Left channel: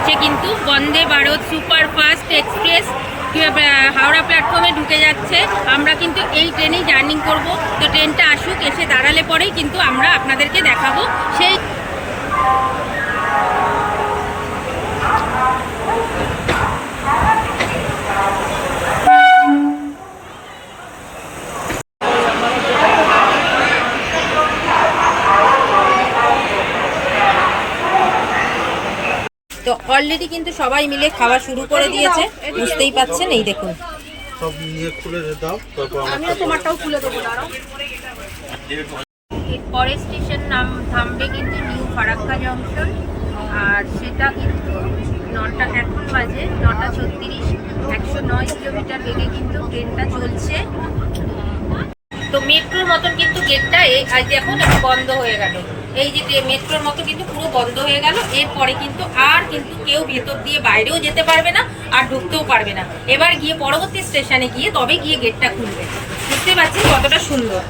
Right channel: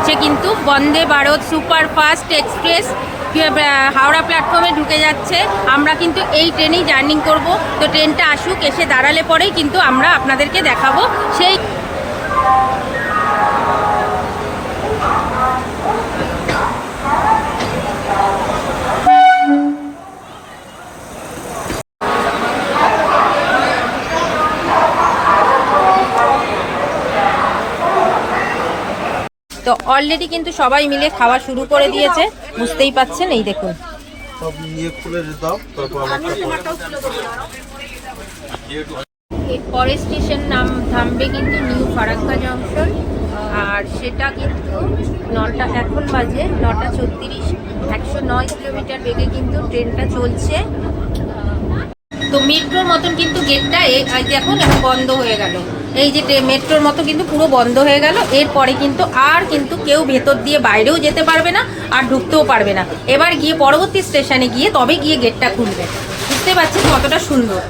ঢুকছে কিন্তু Vande Bharat superfast express Howrah প্ল্যাটফর্মে ঢুকে যাচ্ছে। আমরা কিন্তু এই ট্রেনেই জার্নি করব। তো ট্রেনটা আসুক, এসে দাঁড়ালে পরেই কিন্তু আমরা আপনাদেরকে দেখাবো সেই। তো অলরেডি কিন্তু সবাই মিলে খাওয়া শুরু করে দিয়েছে, বুঝতেই পাচ্ছেন। এই দেখুন, পরের স্টেশন থামবে কিন্তু নিউ ফারাক্কা জংশন। আর সেটা কিন্তু এখন বাজে 9:36। 109 কিলোমিটার বেগে কিন্তু ট্রেনটা চলছে। তো মেট্রোর মতন কিন্তু গেটটা দেখুন এখন বন্ধ হয়ে গেল। এই যে মেট্রোর মতো কিন্তু পুরো বন্ধ হয়ে গেল। এরপরে কিন্তু আর কিন্তু কেউ ভেতর দিয়ে বাইরেও যেতে পারবে না, আর ঢুকতেও পারবে না। এবার গিয়ে পরবর্তী স্টেশনে গিয়ে তবে গিয়ে গেটটা খুলবে। বুঝতে পারছেন কতটা সুন্দর।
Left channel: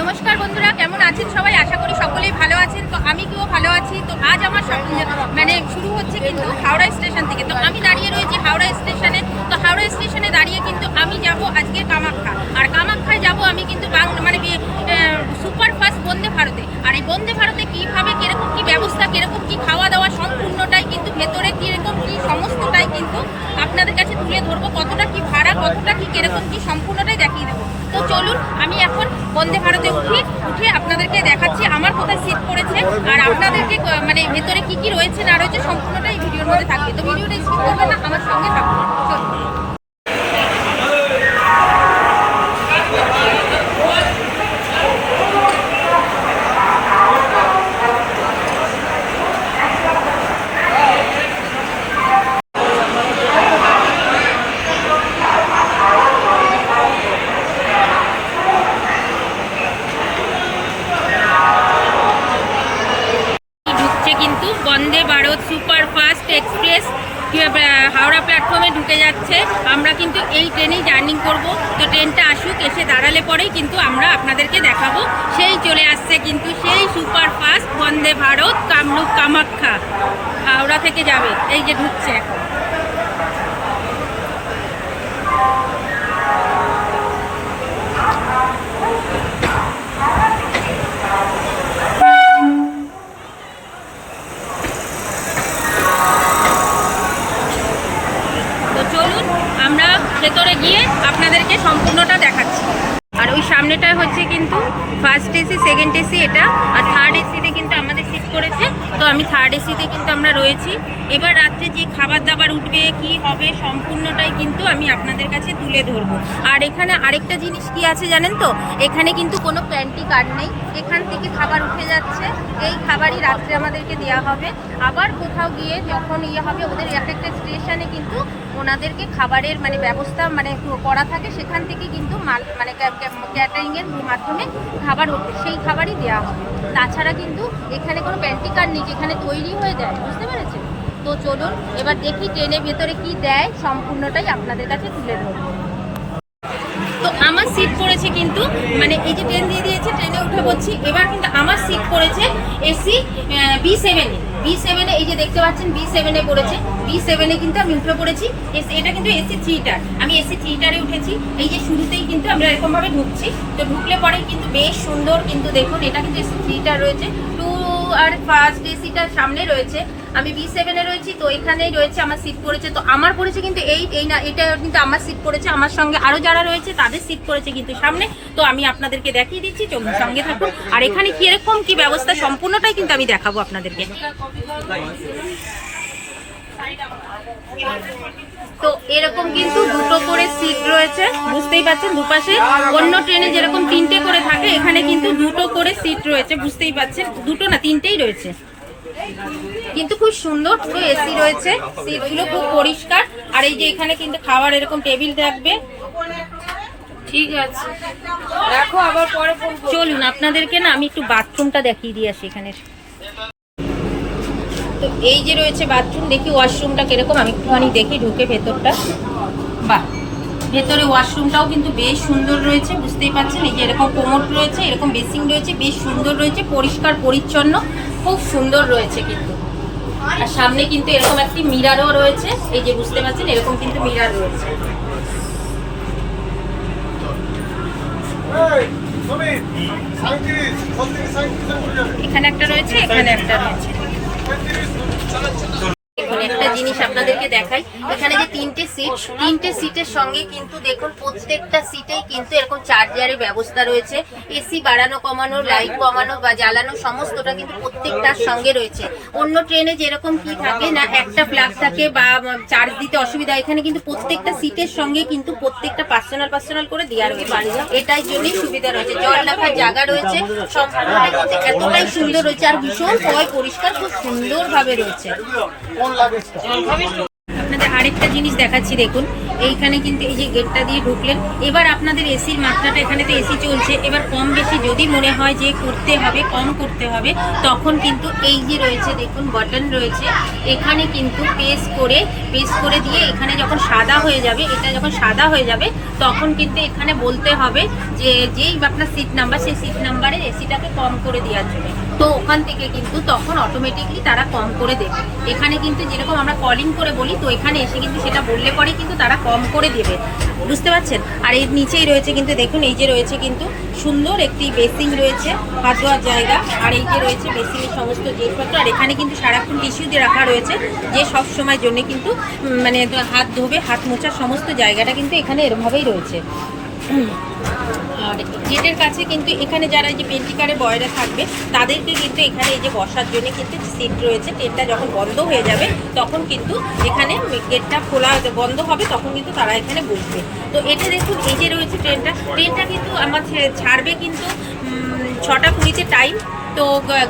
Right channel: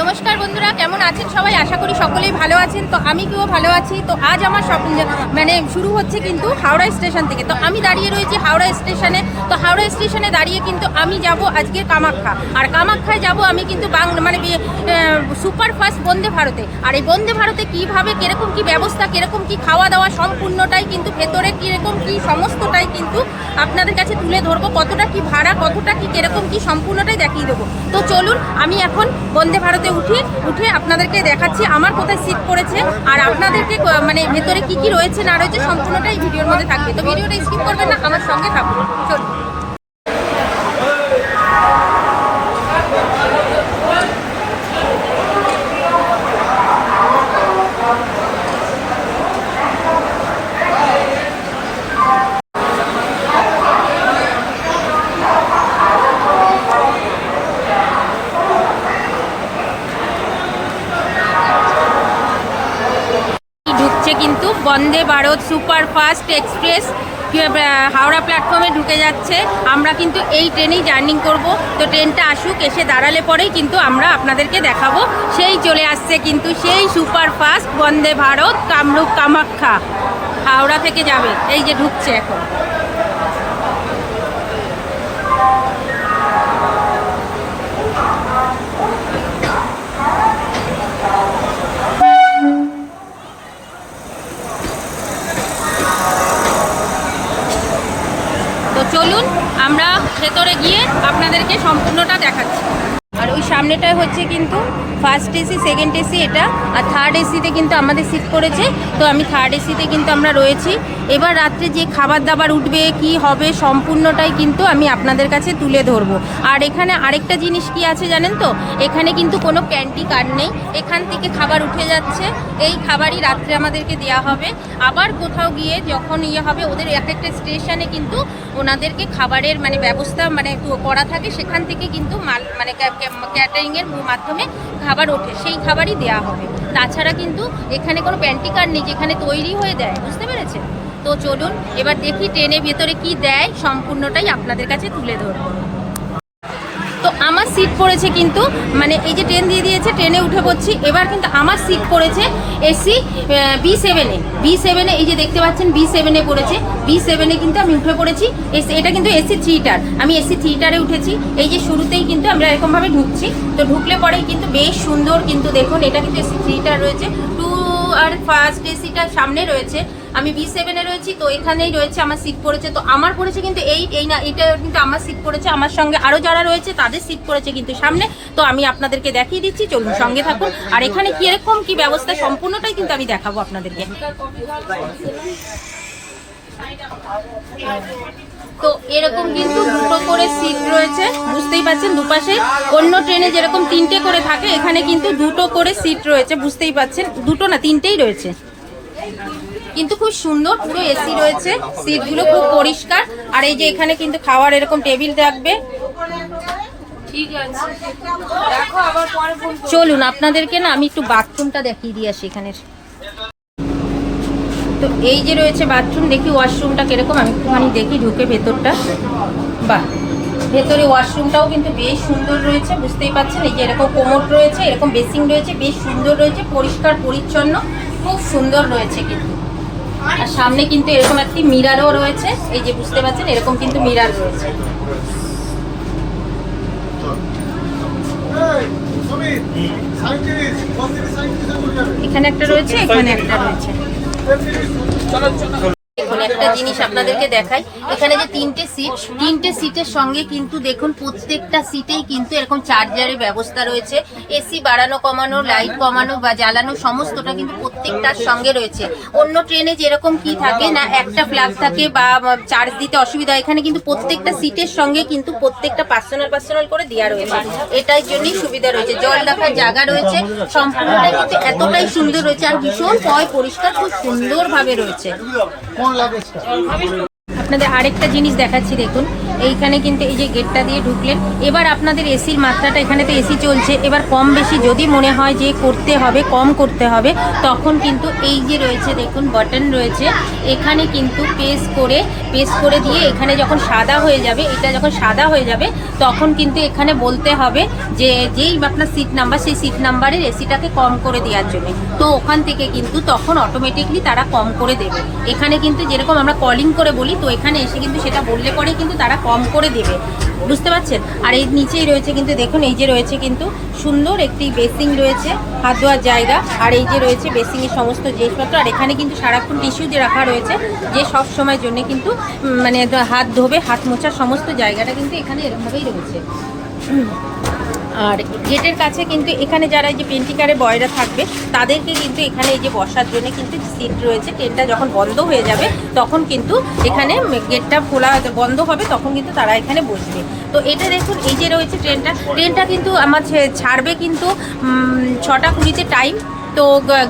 নমস্কার বন্ধুরা, কেমন আছেন সবাই? আশা করি সকলেই ভালো আছেন। তো আমি তো ভালো আছি। তো আজ আমার শুরু হচ্ছে কিন্তু হাওড়া স্টেশন থেকে। তো আমি দাঁড়িয়ে রয়েছি হাওড়া স্টেশনে। তো হাওড়া স্টেশনে দাঁড়িয়ে কিন্তু আমি যাব আজকে কামাখ্যা। আর কামাখ্যায় যাব আমি কিন্তু সুপারফাস্ট বন্দে ভারতে। আর এই বন্দে ভারতে কীভাবে কীরকম কী ব্যবস্থা, কীরকম কী খাওয়া দাওয়া, সম্পূর্ণটাই কিন্তু ভেতরে কীরকম কী সমস্তটাই কিন্তু আপনাদের কাছে তুলে ধরবো। কতটা কি ভাড়া, কতটা কি কীরকম কী সম্পূর্ণটাই দেখিয়ে দেবো। তো চলুন আমি এখন বন্দে ভারতে উঠে আপনাদেরকে দেখাচ্ছি আমার কোথায় সিট পড়েছে, আর আপনাদেরকে ভেতরে কি কি রয়েছে না রয়েছে সম্পূর্ণটাই ভিডিওর মধ্যে থাকবে। তো ভিডিওটা স্কিপ করবেন না, আমার সঙ্গে থাকুন। চলুন। কিন্তু বন্দে ভারত সুপারফাস্ট এক্সপ্রেস হাওড়া প্ল্যাটফর্মে ঢুকে যাচ্ছে। আমরা কিন্তু এই ট্রেনেই জার্নি করব। তো ট্রেনটা আসুক, এসে দাঁড়ালে পরেই কিন্তু আমরা আপনাদেরকে দেখাবো সেই চলে আসছে কিন্তু সেই সুপারফাস্ট বন্দে ভারত কামরূপ কামাখ্যা। হাওড়া থেকে যাবে, এই যে ঢুকছে এখন। তো চলুন আমরা ভেতরে গিয়ে আপনাদেরকে সম্পূর্ণটা দেখাচ্ছি। আর ওই সামনেটায় হচ্ছে কিন্তু ফার্স্ট এসি, সেকেন্ড এসি এটা, আর থার্ড এসিতে কিন্তু আমাদের সিট করেছে। তো আমি থার্ড এসিতে কিন্তু আমরা রয়েছি। এবার রাত্রে যে খাবার দাবার উঠবে, কি হবে সম্পূর্ণটাই কিন্তু আমি আপনাদের কাছে তুলে ধরবো। আর এখানে আরেকটা জিনিস কি আছে জানেন তো, এখানে কিন্তু কোনো প্যান্টি কার্ড নেই। এখান থেকে খাবার উঠে যাচ্ছে, এই খাবারই রাত্রে আমাদেরকে দেওয়া হবে। আবার কোথাও গিয়ে যখন হবে ওদের এক একটা স্টেশনে কিন্তু ওনাদেরকে খাবারের ব্যবস্থা করা থাকে, সেখান থেকে কিন্তু ক্যাটারিংয়ের মাধ্যমে খাবার ওঠে, সেই খাবারই দেওয়া হবে। তাছাড়া কিন্তু এখানে কোনো প্যান্টি কার্ড নেই যেখানে তৈরি হয়ে দেয়। বুঝতে পেরেছে? তো চলুন এবার দেখি ট্রেনের ভেতরে কি দেয়, সম্পূর্ণটাই আপনাদের কাছে তুলে ধরবো। তো আমার সিট পড়েছে কিন্তু এই যে ট্রেন দিয়ে দিয়েছে, ট্রেনে উঠে পড়ছি। এবার কিন্তু আমার সিট পড়েছে এসি B7-এ। এই যে দেখতে পাচ্ছেন B7-এ পড়েছে। B7-এ কিন্তু আমি উঠে পড়েছি। এটা কিন্তু এসি থিয়েটার, আমি এসি থিয়েটারে উঠেছি। এই যে শুরুতেই কিন্তু আমরা এরকমভাবে ঢুকছি। তো ঢুকলে পরেই কিন্তু বেশ সুন্দর কিন্তু দেখুন, এটা কিন্তু এসি থিয়েটার রয়েছে। আর ফার্স্ট এসিটা সামনে রয়েছে, আমি B7-এ রয়েছি। তো এখানেই রয়েছে আমার সিট পড়েছে। তো আমার পড়েছে কিন্তু এটা কিন্তু আমার সিট পড়েছে। আমার সঙ্গে আরও যারা রয়েছে তাদের সিট পড়েছে কিন্তু সামনে। তো আমি আপনাদেরকে দেখিয়ে দিচ্ছি, চলুন সঙ্গে থাকুন। আর এখানে কিরকম কি ব্যবস্থা সম্পূর্ণটাই কিন্তু আমি দেখাবো আপনাদেরকে। তো এরকম কিন্তু দুটো করে সিট রয়েছে, বুঝতেই পাচ্ছেন দুপাশে। অন্য ট্রেনে যেরকম 3টে করে থাকে, এখানে কিন্তু দুটো করে সিট রয়েছে। বুঝতেই পাচ্ছেন, দুটো না 3টেই রয়েছে। কিন্তু খুব সুন্দর, পুরো এসি রয়েছে, সিটগুলো খুব পরিষ্কার। আর এই যে এখানে কিন্তু খাওয়ার এরকম টেবিল রাখবে। ঠিক আছে, চলুন আপনাদেরকে না আমি একটু বাথরুমটা দেখিয়ে দিয়ে আসি এখানের। তো এই যে রয়েছে বাথরুম, দেখি ওয়াশরুমটা কিরকম, আমি একটুখানি দেখি ঢুকে ভেতরটা। বাহ, ভেতরে ওয়াশরুমটাও কিন্তু বেশ সুন্দর রয়েছে। বুঝতেই পাচ্ছেন, এই যে এরকম কোমোড রয়েছে, এরকম বেসিং রয়েছে, বেশ সুন্দর রয়েছে, পরিষ্কার পরিচ্ছন্ন, খুব সুন্দর রয়েছে কিন্তু। আর সামনে কিন্তু এরকম একটি মিরারও রয়েছে, এই যে বুঝতে পারছেন এরকম কিন্তু মিরার রয়েছে। এখানে একটা রয়েছে, এখানে একটা রয়েছে। দেখুন একটা জিনিস আপনাদেরকে দেখাই, এখানে যে তিনটে সিটের সঙ্গে কিন্তু দেখুন প্রত্যেকটা সিটেই কিন্তু এরকম চার্জারের ব্যবস্থা রয়েছে। এসি বাড়ানো কমানো, লাইট কমানো বা জ্বালানো সমস্তটা কিন্তু প্রত্যেকটার সঙ্গে রয়েছে। অন্য ট্রেনে যেরকম কি থাকে না, একটা প্লাগ থাকে বা চার্জ দিতে অসুবিধা, এখানে কিন্তু প্রত্যেকটা সিটের সঙ্গে কিন্তু প্রত্যেকটা পার্সোনাল করে দেওয়া রয়েছে। এটার জন্যই সুবিধা রয়েছে। জল রাখার জায়গা রয়েছে, সম্পূর্ণটা কিন্তু এতটাই সুন্দর রয়েছে আর ভীষণ পরিষ্কার, খুব সুন্দরভাবে রয়েছে। আপনাদের আরেকটা জিনিস দেখাচ্ছি, দেখুন এইখানে কিন্তু এই যে গেটটা দিয়ে ঢুকলেন, এবার আপনাদের এসির মাত্রাটা, এখানে তো এসি চলছে, এবার কম বেশি যদি মনে হয় যে করতে হবে, কম করতে হবে, তখন কিন্তু এই যে রয়েছে দেখুন বাটন রয়েছে, এখানে কিন্তু পেস করে দিয়ে এখানে যখন সাদা হয়ে যাবে, এটা যখন সাদা হয়ে যাবে তখন কিন্তু এখানে বলতে হবে যে যেই আপনার সিট নাম্বার, সেই সিট নাম্বারের এসিটাকে কম করে দেওয়ার জন্য। তো ওখান থেকে কিন্তু তখন অটোমেটিকলি তারা কম করে দেবে। এখানে কিন্তু যেরকম আমরা কলিং করে বলি, তো এখানে এসে কিন্তু সেটা বললে পরে কিন্তু তারা কম করে দেবে, বুঝতে পারছেন। আর এর নিচেই রয়েছে কিন্তু দেখুন, এই যে রয়েছে কিন্তু সুন্দর একটি বেসিং রয়েছে, হাত ধোয়ার জায়গা, আর এই যে রয়েছে বেসিংয়ের সমস্ত জিনিসপত্র। আর এখানে কিন্তু সারাক্ষণ টিস্যু দিয়ে রাখা রয়েছে, যে সব সময়ের জন্য কিন্তু মানে হাত ধোবে, হাত মোছার সমস্ত জায়গাটা কিন্তু এখানে এরকমভাবেই রয়েছে। আর গেটের কাছে কিন্তু এখানে যারা এই যে পেন্টিকারে বয়রা থাকবে তাদেরকে কিন্তু এখানে এই যে বসার জন্য কিন্তু সিট রয়েছে। ট্রেনটা যখন বন্ধ হয়ে যাবে তখন কিন্তু এখানে গেটটা খোলা বন্ধ হবে, তখন কিন্তু তারা এখানে বসবে। তো এটা দেখুন এই যে রয়েছে ট্রেনটা কিন্তু আমার ছাড়বে কিন্তু 6টা 20-তে টাইম। তো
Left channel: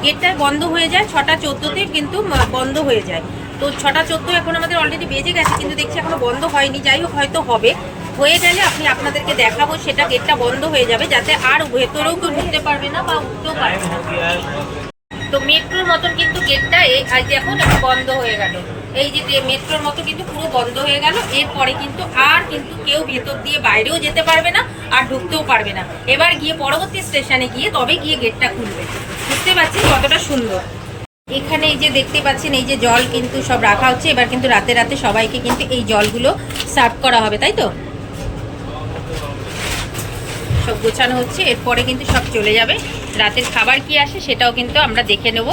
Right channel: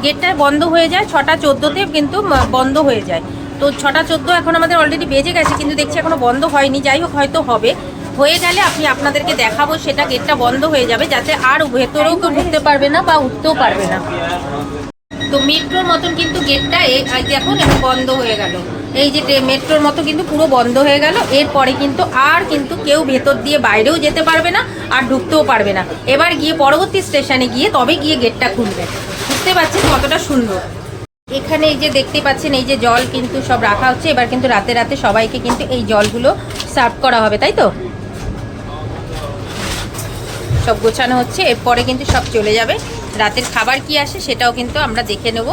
গেটটা বন্ধ হয়ে যায় 6টা 14-তে কিন্তু বন্ধ হয়ে যায়। তো 6টা 14 এখন আমাদের অলরেডি বেজে গেছে, কিন্তু দেখছি এখনো বন্ধ হয়নি। যাই হোক, হয়তো হবে, হয়ে গেলে আপনাদেরকে দেখাবো, সেটা গেটটা বন্ধ হয়ে যাবে যাতে আর ভেতরেও কেউ ঢুকতে পারবে না বা উঠতেও পারবে না। তো মেট্রোর মতন কিন্তু গেটটা এখন বন্ধ হয়ে গেল, এই যে মেট্রোর মতো কিন্তু পুরো বন্ধ হয়ে গেল। এরপরে কিন্তু আর কিন্তু কেউ ভেতর দিয়ে বাইরেও যেতে পারবে না আর ঢুকতেও পারবে না। এবার গিয়ে পরবর্তী স্টেশনে গিয়ে তবে গিয়ে গেটটা খুলবে। বুঝতে পারছেন কতটা সুন্দর। এখানে এই যে দেখতে পাচ্ছেন এই যে জল কিন্তু সব রাখা হচ্ছে। এবার কিন্তু রাতে সবাইকে কিন্তু এই জলগুলো সার্ভ করা হবে, তাই তো সব গোছানো হচ্ছে। এরপরে কিন্তু সব চলে যাবে। রাতের খাবার কি আসে সেটাও কিন্তু আমরা দেখে নেব।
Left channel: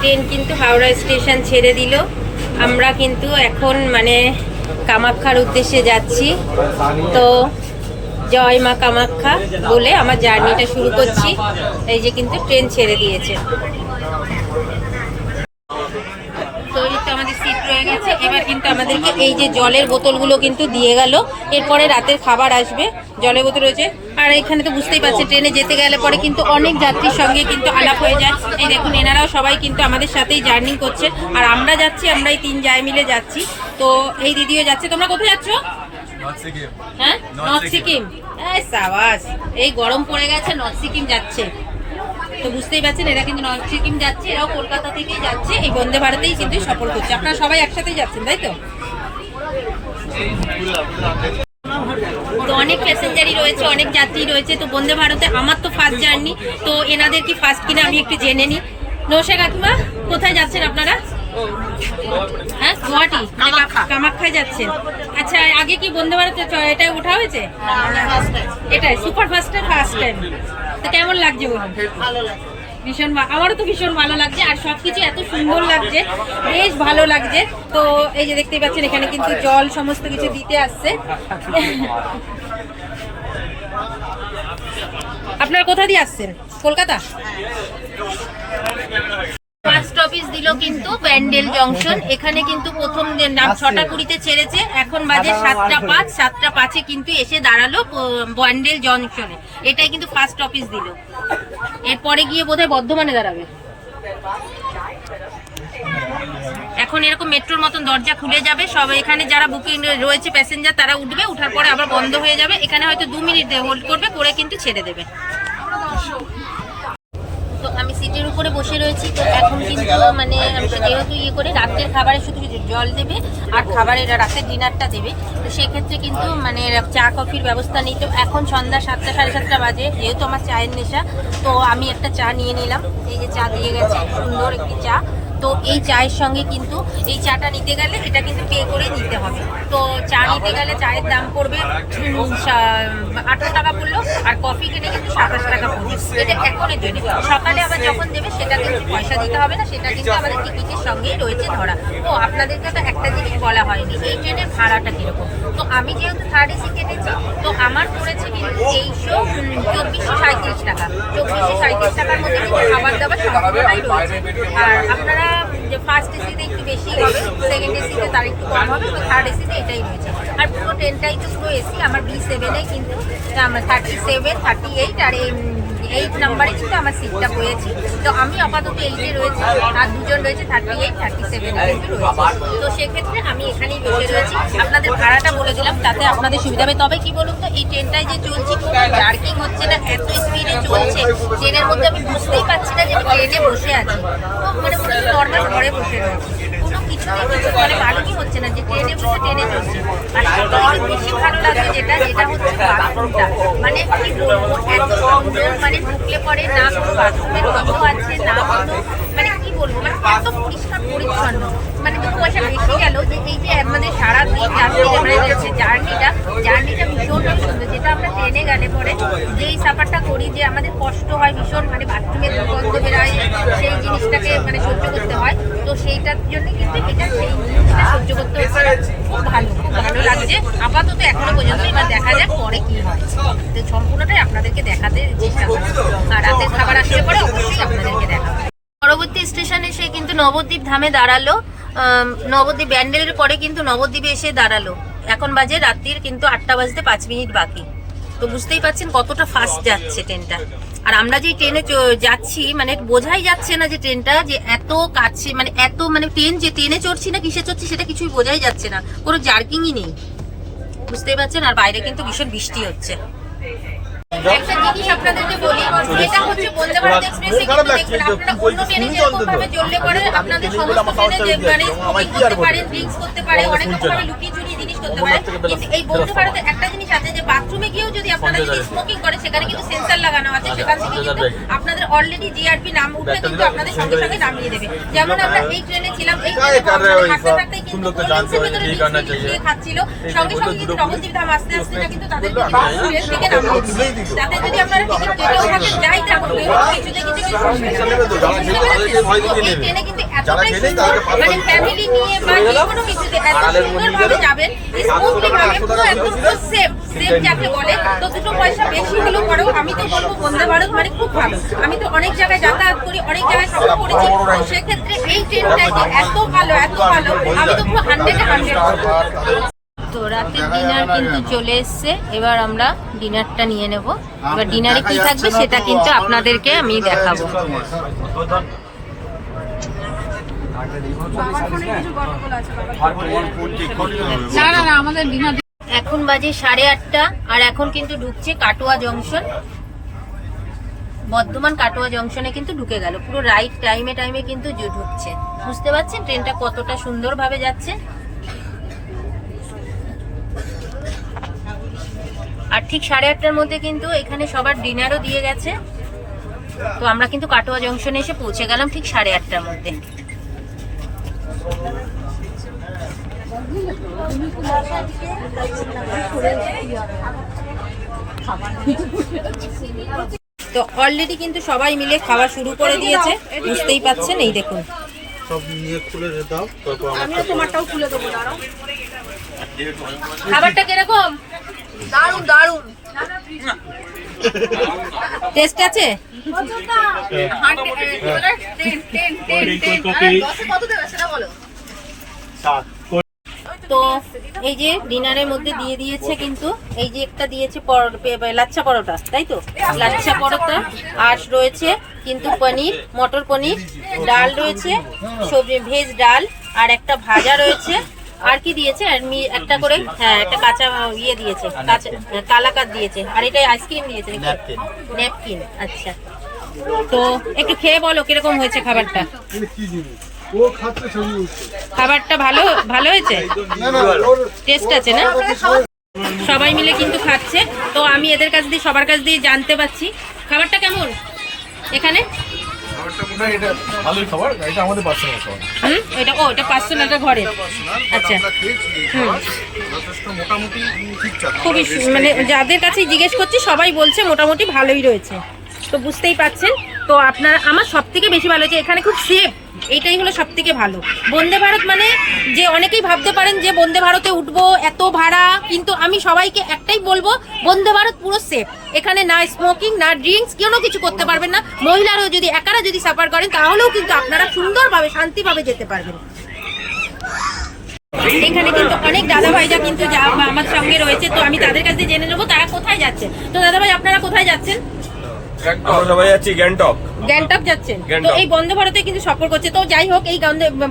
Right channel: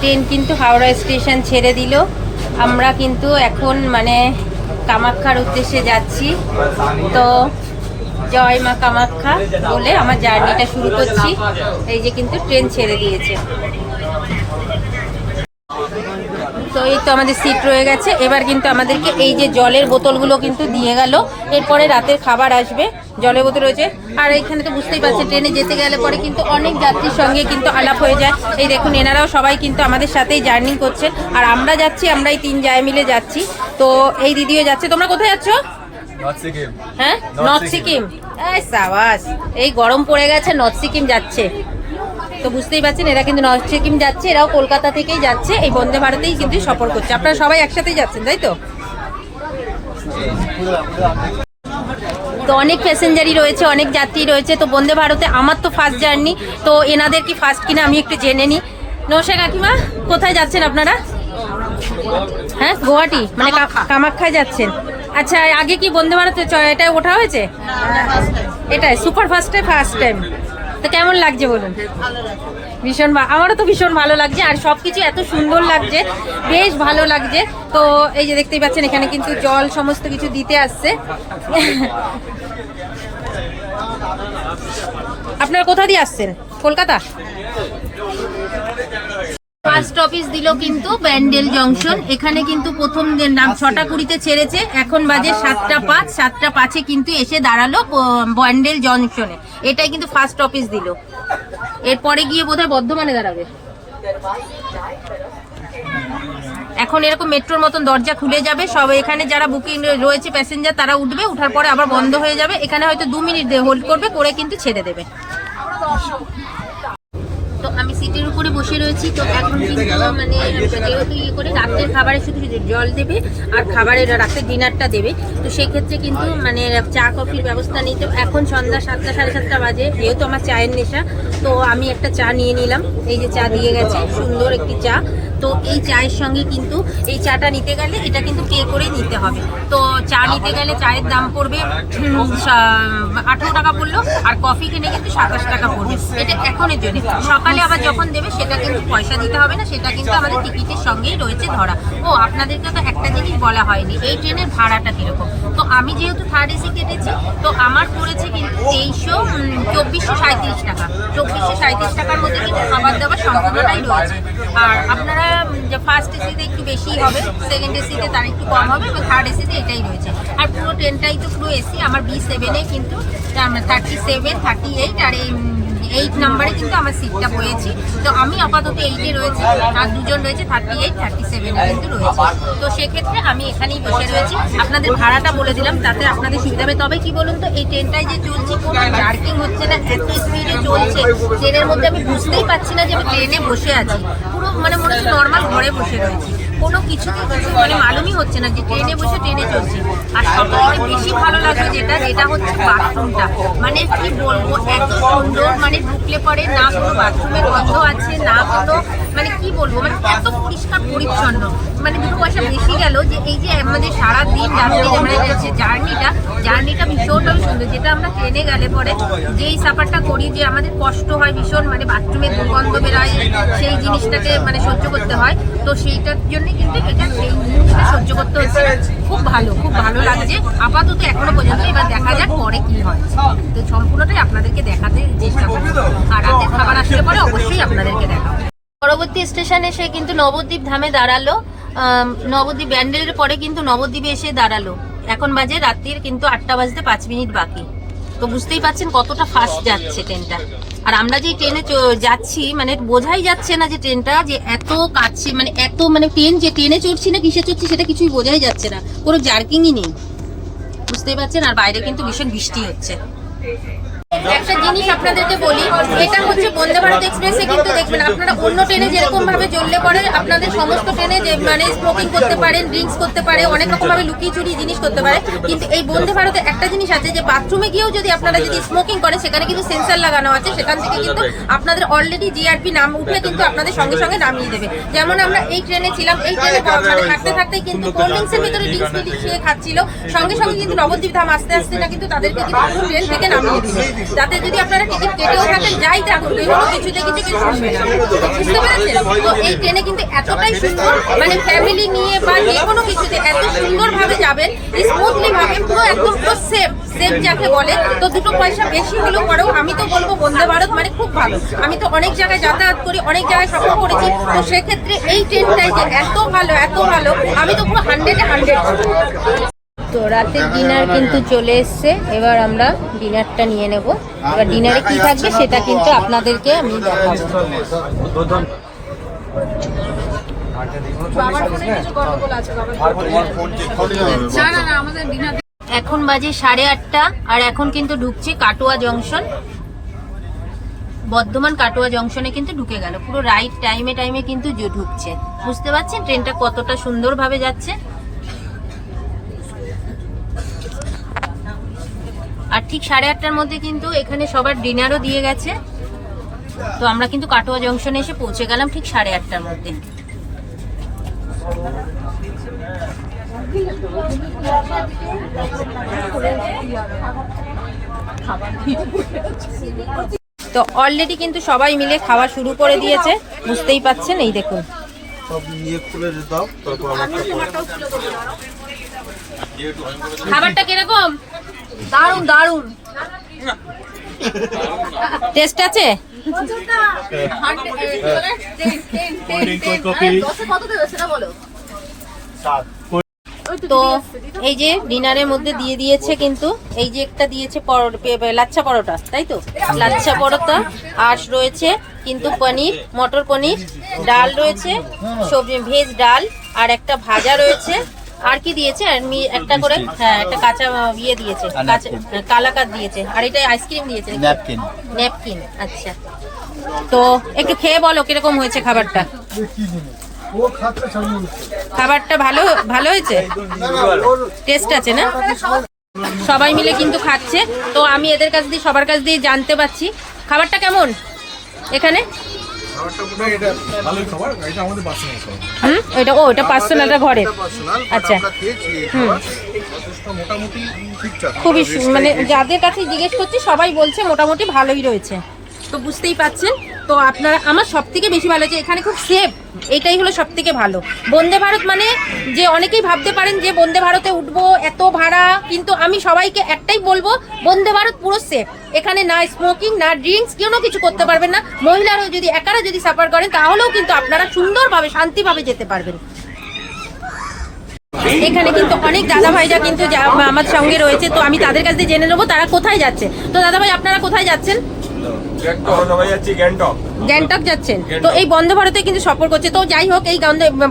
ট্রেন কিন্তু হাওড়া স্টেশন ছেড়ে দিল। আমরা কিন্তু এখন মানে কামাখ্যার উদ্দেশ্যে যাচ্ছি। তো জয় মা কামাখ্যা বলে আমার জার্নিটা শুরু করছি। এই যে কিন্তু ট্রেন ছেড়ে দিয়েছে। তো এই তো আমাদের সিট রয়ে গেছে। এবার কিন্তু আমাদেরকে এই যে জলের বোতলগুলো কিন্তু দিয়ে গেল। এরপরে রাতের খাবার আসবে, জলের বোতল রয়েছে। আর এখানে তো বুঝতেই পারছেন ট্রেনে যেতে গেলে পরে কিন্তু অনেক যাত্রীর সঙ্গে কিন্তু আলাপ হয়ে যায়। এই দেখুন এনারাও সবাই কিন্তু আমাদের সাথেই জার্নি করছেন। আর আমরা যাচ্ছি, আমরা এই 3 জায় মিলে যাচ্ছি। তো এই দিদিও যাচ্ছে। তোমরা কোথায় যাচ্ছ? হ্যাঁ, নর্থ সিকিম। এই সাবাস, এই গরম পড়ে গেছে, নর্থ সিকিম যাচ্ছে। তো বুঝতেই পারছেন এরা কিন্তু নর্থ সিকিম যাচ্ছে, এরাও কলকাতা থেকেই যাচ্ছে। এই বন্দে ভারতেই কিন্তু সফর করছে। আপনারা সবাই একসাথেই যাচ্ছেন, তাই তো? তো অনেক প্যাসেঞ্জারই রয়েছে, অনেক যাত্রী রয়েছে। তো বন্দে ভারতে আমার তো ফার্স্ট জার্নি, তো এনাদের কি ফার্স্ট কিনা আমি একটু জেনে নিই। নমস্কার কাকিমা, কোথায় যাচ্ছেন আপনারা? হ্যাঁ, গুয়াহাটি, মানে কামাখ্যায় যাচ্ছেন। আচ্ছা, আগে কি বন্দে ভারতে এটাই ওঠা হয়েছে? এটাই সুপার ফার্স্ট টাইম। তো কেমন লাগছে বলুন? ভীষণ, আমারও তো ভীষণ ভালো লাগছে। আর সবকিছু এত সুন্দর লাগছে, বেশ ভালো লাগছে। তো এই যে দেখতেই পাচ্ছেন এখানে কিন্তু জল সমস্ত কিছু দিতে আসছে। আপনারা কোথা দিয়ে আসছেন? কলকাতা। ফার্স্ট অফিস দিল কিন্তু ব্যান্ডেল জংশন। এখানে কিন্তু প্রথম 6টা 20-তে ছেড়েছে, এখন বাজে 7টা 5। 7টা 5-এ কিন্তু এসে দাঁড়ালো ব্যান্ডেল জংশনে। এটাই কিন্তু ফার্স্ট অফিস দিল। এরপরে গিয়ে বোধহয় বর্ধমানে দাঁড়াবে। এখন এরকম মেট্রোর মতন দরজা খুলে যাবে সব। এখানে যারা বুকিং রয়েছে প্যাসেঞ্জার তারা উঠবে, উঠার পরে আবার বন্ধ হয়ে যাবে। এখানে হয়তো 2 মিনিট হোল্ড করবে, করে কিন্তু ছেড়ে দেবে। তো আমি সিটের উপরে বসে রয়েছি। তো এখন কিন্তু মানে যেহেতু করে রাত্রের খাবারে শুধু জল দেবে আর খাবারের রাতের ডিনারটা দেবে। তো সেক্ষেত্রে কিন্তু মানে চা কফির ব্যবস্থা নিত। এখন সন্ধ্যা 7টা 7:30 বাজে, যেহেতু আমার চায়ের নেশা, তো আমি একটা চা নিয়ে নিলাম। এই যে চা দিয়ে গেছে, সুন্দর একটি চা। তো এই চায়ের সঙ্গে কিন্তু এই চাটা নিতে গেলে এটা কিন্তু পে করেই নিতে হবে। তো চা নিতে গেলে চায়ের দাম পড়বে 18 টাকা পড়লো, আর কফি কিনে কিন্তু 27 টাকা পড়বে। এটা এখনের জন্য, সকালে আবার যখন দেবে সেটা কিন্তু পয়সা দিতে হবে না, সেটা কিন্তু আমাদের টিকিটের সঙ্গেই রয়েছে ধরা। ও আপনাদেরকে তো একটা জিনিস বলা হয়নি, এই ট্রেনের ভাড়াটা কিরকম। তো আমি যেহেতু থার্ড এসি কেটেছি, তো আমার পড়েছে কিন্তু 2437 টাকা। 2437 টাকার মধ্যে কিন্তু খাবার দাবার সম্পূর্ণটাই রয়েছে। আর আপনারা ফার্স্ট এসিতে একটু বেশি হবে, সেকেন্ড এসিতে তার একটু কম হবে, এবং থার্ড এসিতে এটাই রয়েছে। আর পুরো ট্রেনটাই তো পুরো এসি। আমার B7-এ কিন্তু 37, 38 আর 8 নাম্বারে কিন্তু আমার সিটটা পেয়েছি। তো আমি আপাতত 8-এ রয়েছি, আর দুজন রয়েছে 38, 37-এ কিন্তু রয়েছে। তো সেক্ষেত্রে আমি এখানেই বসে রয়েছি। আপনাদের ভাড়াটা বলে দিলাম, তাতে আপনাদের সুবিধা হবে। তবে কি বলুন তো, এই ট্রেনটায় যে চলছি কোনো জার্কিং হচ্ছে না, এত স্পিডে চলছে ট্রেনের মধ্যে, আমি বুঝতেই পারছি না যে আমি ট্রেনে বসে আছি। পুরো মানে মনে হচ্ছে নর্মাল ঘরে বসে রয়েছি, কোনো কিছুতেই কিছু মানে মালুমই হচ্ছে না যে ট্রেনে বসে ট্রেনে চলছে। আর সবথেকে বেশি ভালো লাগবে যেটা হচ্ছে বাথরুমটা। মানে কি বলবো, এত সুন্দর, মানে ঢুকলে পরে না কোনো বাথরুমের গন্ধ আছে, না কোনো মানে কি বলবো, মানে এত পরিষ্কার পরিচ্ছন্ন। মানে 2 পয়সা বেশি গেল যে এই যে আমাদের সারাদিন জার্নিটা ভীষণভাবে সুন্দর। যেটা আমরা ট্রেনে গেলে পরে যেই সাফারটা করি, যে আমাদের কষ্ট হয় ভীষণ, মানে বাথরুমের দুর্গন্ধ বেরোয়, সেই জিনিসটাকে মানে সহ্য করতে হয়। তো সেইটার জন্যই কিন্তু এটা সেই জিনিসটা সহ্য করতে হচ্ছে। খুব ভালো লাগছে আপাতত এখনো পর্যন্ত। এবার দেখা যাক পরে কি হয়, তো সম্পূর্ণটাই আপনাদেরকে দেখাতে চেষ্টা করবো। আর রাতের খাবার আসলে পরে অবশ্যই আপনাদেরকে দেখাবো। পরবর্তী স্টেশনে এসে কিন্তু নবদ্বীপ ধামে দাঁড়ালো। নবদ্বীপ ব্যান্ডেলের পরে কিন্তু নবদ্বীপে এসে দাঁড়ালো। এখন বাজে রাত্রির কিন্তু 8টা বাজতে 5 মিনিট বাকি। তো বুঝতেই পারছেন কতটা ফাস্ট যাচ্ছে ট্রেনটা। আর আমরা যেই ট্রেনে যাচ্ছি, মানে বোঝাই যাচ্ছে না যে ট্রেনটা যে এত কাছে, মানে এত মানে ট্রেনে চড়ছি না কিসে চড়ছি সেটা কিছুই বোঝাই যাচ্ছে না, কোনো জার্কিংই নেই, বুঝতেই পারছেন। আর বাইরে কিন্তু ভীষণ বৃষ্টি হচ্ছে। একটা জিনিস আপনাদেরকে বলি, এটা হচ্ছে বন্দে ভারত এক্সপ্রেসে কিন্তু দেখবেন আপনারা অন্য ট্রেনে যেরকম ভাবে চললে পরে আপনাদের সমস্ত ট্রেনে যে মানে স্মোকিং করতে পারেন, ড্রিঙ্কস করতে পারে, অনেক রকম ভাবে লুকিয়ে চুরি জিনিস করতে পারে। কিন্তু এই বন্দে ভারতে একটা জিনিস আছে যে বাথরুমে গিয়েও যদি আপনারা যদি স্মোকিং করেন, সেখানে কিন্তু সেন্সার লাগানো আছে, সেখান থেকে কিন্তু আপনাদের অলরেডি জিআরপি নাম উঠে কিন্তু আপনাদের সঙ্গে সঙ্গে নামিয়ে দেবে। যেমন আমরা এই ট্রেনে ছিলাম, এই ট্রেনে মানে থাকতেই কিন্তু কোল্ড ড্রিঙ্কসের ভিতরে ড্রিঙ্কস মিশিয়ে খাচ্ছিল, সঙ্গে সঙ্গে কিন্তু নবদ্বীপ ধাম আসতে না কিন্তু তাদেরকে কিন্তু ট্রেন থেকে নামিয়ে দিবে। যাতে যদি আপনারা টিকিট কেটেও থাকেন, যাই থাকুন, কোনো কিছুতে কিছু শুনবে না, বুঝতে পেরেছেন? তো এই ট্রেনে কিন্তু এতটাই সুন্দর, মানে ফ্যামিলি নিয়ে বা যে কোনো কিছুতে এত সুন্দরভাবে যাবেন, স্মুথলি ভাবে, পুরো একদম পুরো সেফ যাকে বলে। তো 2 পয়সা বেশি হলেও পরেও আমি তো বলবো বন্দে ভারত মানে খুব ভালো। আমি তো অনেক জায়গায় যাতায়াত করি, অনেক জায়গায় সফর করেছি, তো সেক্ষেত্রে এই ট্রেনটাই যে এত ভালো, আমি তো পুরো 100-এ 100। তো রাতের ডিনার কিন্তু চলে এসছে, এবার আমরা ডিনারটা নিয়ে নেব। এবার ডিনারে কি থাকবে সেটা কিন্তু আপনাদেরকে আমি দেখাবো। এখন বাজে 8:30, আর এখন কিন্তু ঢুকছে কাটোয়া জংশন। বর্ধমান কাটোয়া জংশনে কিন্তু ঢুকে গেল, পুরো রাইট টাইমে কিন্তু ঢুকছে। বুঝতে পারছেন ট্রেনটা কতটা সুন্দরভাবে যাচ্ছে। আর ঠিক 8:30-টার মধ্যে কিন্তু এখানে সবার ডিনারও দিয়ে গেছে। তো আমরা কিন্তু কাটোয়া জংশনে এসে পৌঁছে গেলাম ঠিক 8:30-টার মধ্যে। তো অলরেডি কিন্তু সবাই মিলে খাওয়া শুরু করে দিয়েছে, বুঝতেই পাচ্ছেন। এই দেখুন, খাবারটা কিরকম? দারুন টেস্ট আছে। তো এই যে ডিনারের মধ্যে দিয়ে দিয়েছে কিন্তু, এই যে একটা দিয়েছে লাচ্ছা পরোটা, তাই তো, লাচ্ছা পরোটা। আর রয়েছে কিন্তু পনির, মটর পনির, ডাল রয়েছে, সবজি ভেজ ডাল, আর একটা ভাজা রয়েছে। আর কি দিয়েছে? একটা করে, হ্যাঁ, একটা কাঁচা ইয়ে দিয়েছে, কালাকাত দিয়েছে। আর এটা আইসক্রিম দিয়েছে, ন্যাপকিন। আচ্ছা, তো একটু খেয়ে বলো কিরকম হয়েছে খাবারটা। খাবারটা ভালো হয়েছে, টেস্ট আছে না? সবাই মিলে কিন্তু খাচ্ছে। তো আমি এদের কাছ দিয়ে, সবার কাছ দিয়ে জানতে পারছি খাবারটা কেমন এখানে। এটা ভালোই খাবার, এটা আমাদের পার্সোনাল খাবার। ওটা পার্সোনালটা ঘরের। আচ্ছা, যথেষ্ট মোটামুটি ঠিকঠাক, খুবই মানে যাদের কাছে জিজ্ঞেস করছি সবাই বলছে মোটামুটি ভালোই রয়েছে। তো বুঝতেই পাচ্ছেন। তো আপনারা, আমার সব থেকে বেশি ভালো হচ্ছে এখানে খুব সেফ, এটাই হলো সব থেকে ভালো। বন্দে ভারত মানে যে অনেকেই ভাবতে পারেন যে বন্দে ভারতে উঠবো এত ভাড়া, কিন্তু আমি সবাইকে একটাই বলবো বন্দে ভারত পুরো সেফ। এখানে না স্মোকিং না ড্রিঙ্কস, কোনো কিছু করতে পারবেন না। মহিলারাও যদি একারা যদি সাফার করেন তাহলেও কিন্তু আপনারা সুন্দরভাবে শান্তিভাবে যেতে পারবেন। এখানে কিন্তু অনেক দাদা ভাইরা কিন্তু আমার সঙ্গে রয়েছে, তো আমি তাদের কাছে জেনে নেবো তারা কোথায় যাচ্ছে। তো দাদা ভাই আপনারা কোথায় যাচ্ছেন? গ্যাংটক যাচ্ছেন। তো এই বন্দে ভারতে কিন্তু সফর করছে, তো যাই হোক এই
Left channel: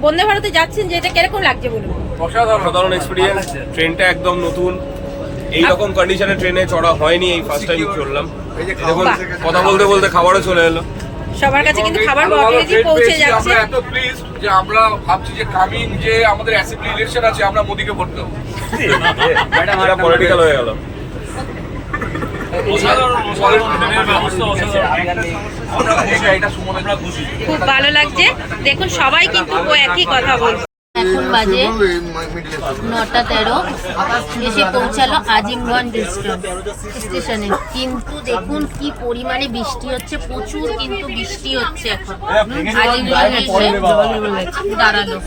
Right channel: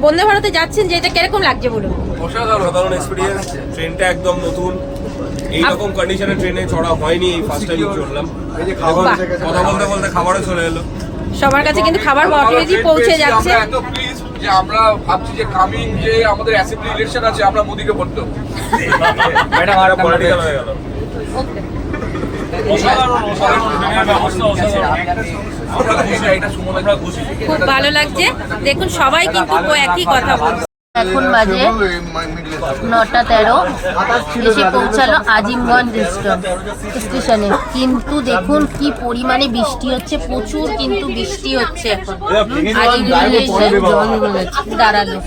বন্দে ভারতে যাচ্ছেন যে এটা কিরকম লাগছে বলুন? অসাধারণ এক্সপেরিয়েন্স। ট্রেনটা একদম নতুন, এইরকম কন্ডিশনে ট্রেনে চড়া হয়নি, এই ফার্স্ট টাইম চড়লাম। কথা বলতে বলতে খাবারও চলে এলো। সবার কাছে কিন্তু খাবার অলরেডি পৌঁছে যাচ্ছে। এত প্লিজ যে আমরা ভাবছি যে কামিং যে আমাদের অ্যাসেম্বলি ইলেকশন আছে আমরা মোদিকে ভোট দেবো। ম্যাডাম আর পলিটিক্যাল হয়ে গেল। খুব ভালো লাগছে। দেখুন সবাই কিন্তু একই কথা বলছে। এখন বাজে 9:13, এসে পৌঁছালো আজিমগঞ্জ স্টেশনে। কিন্তু দেখুন কি পরিমাণে বৃষ্টি হচ্ছে, প্রচুর কিন্তু বৃষ্টি হচ্ছে। এখন আজিমগঞ্জে এসে দাঁড়ালো,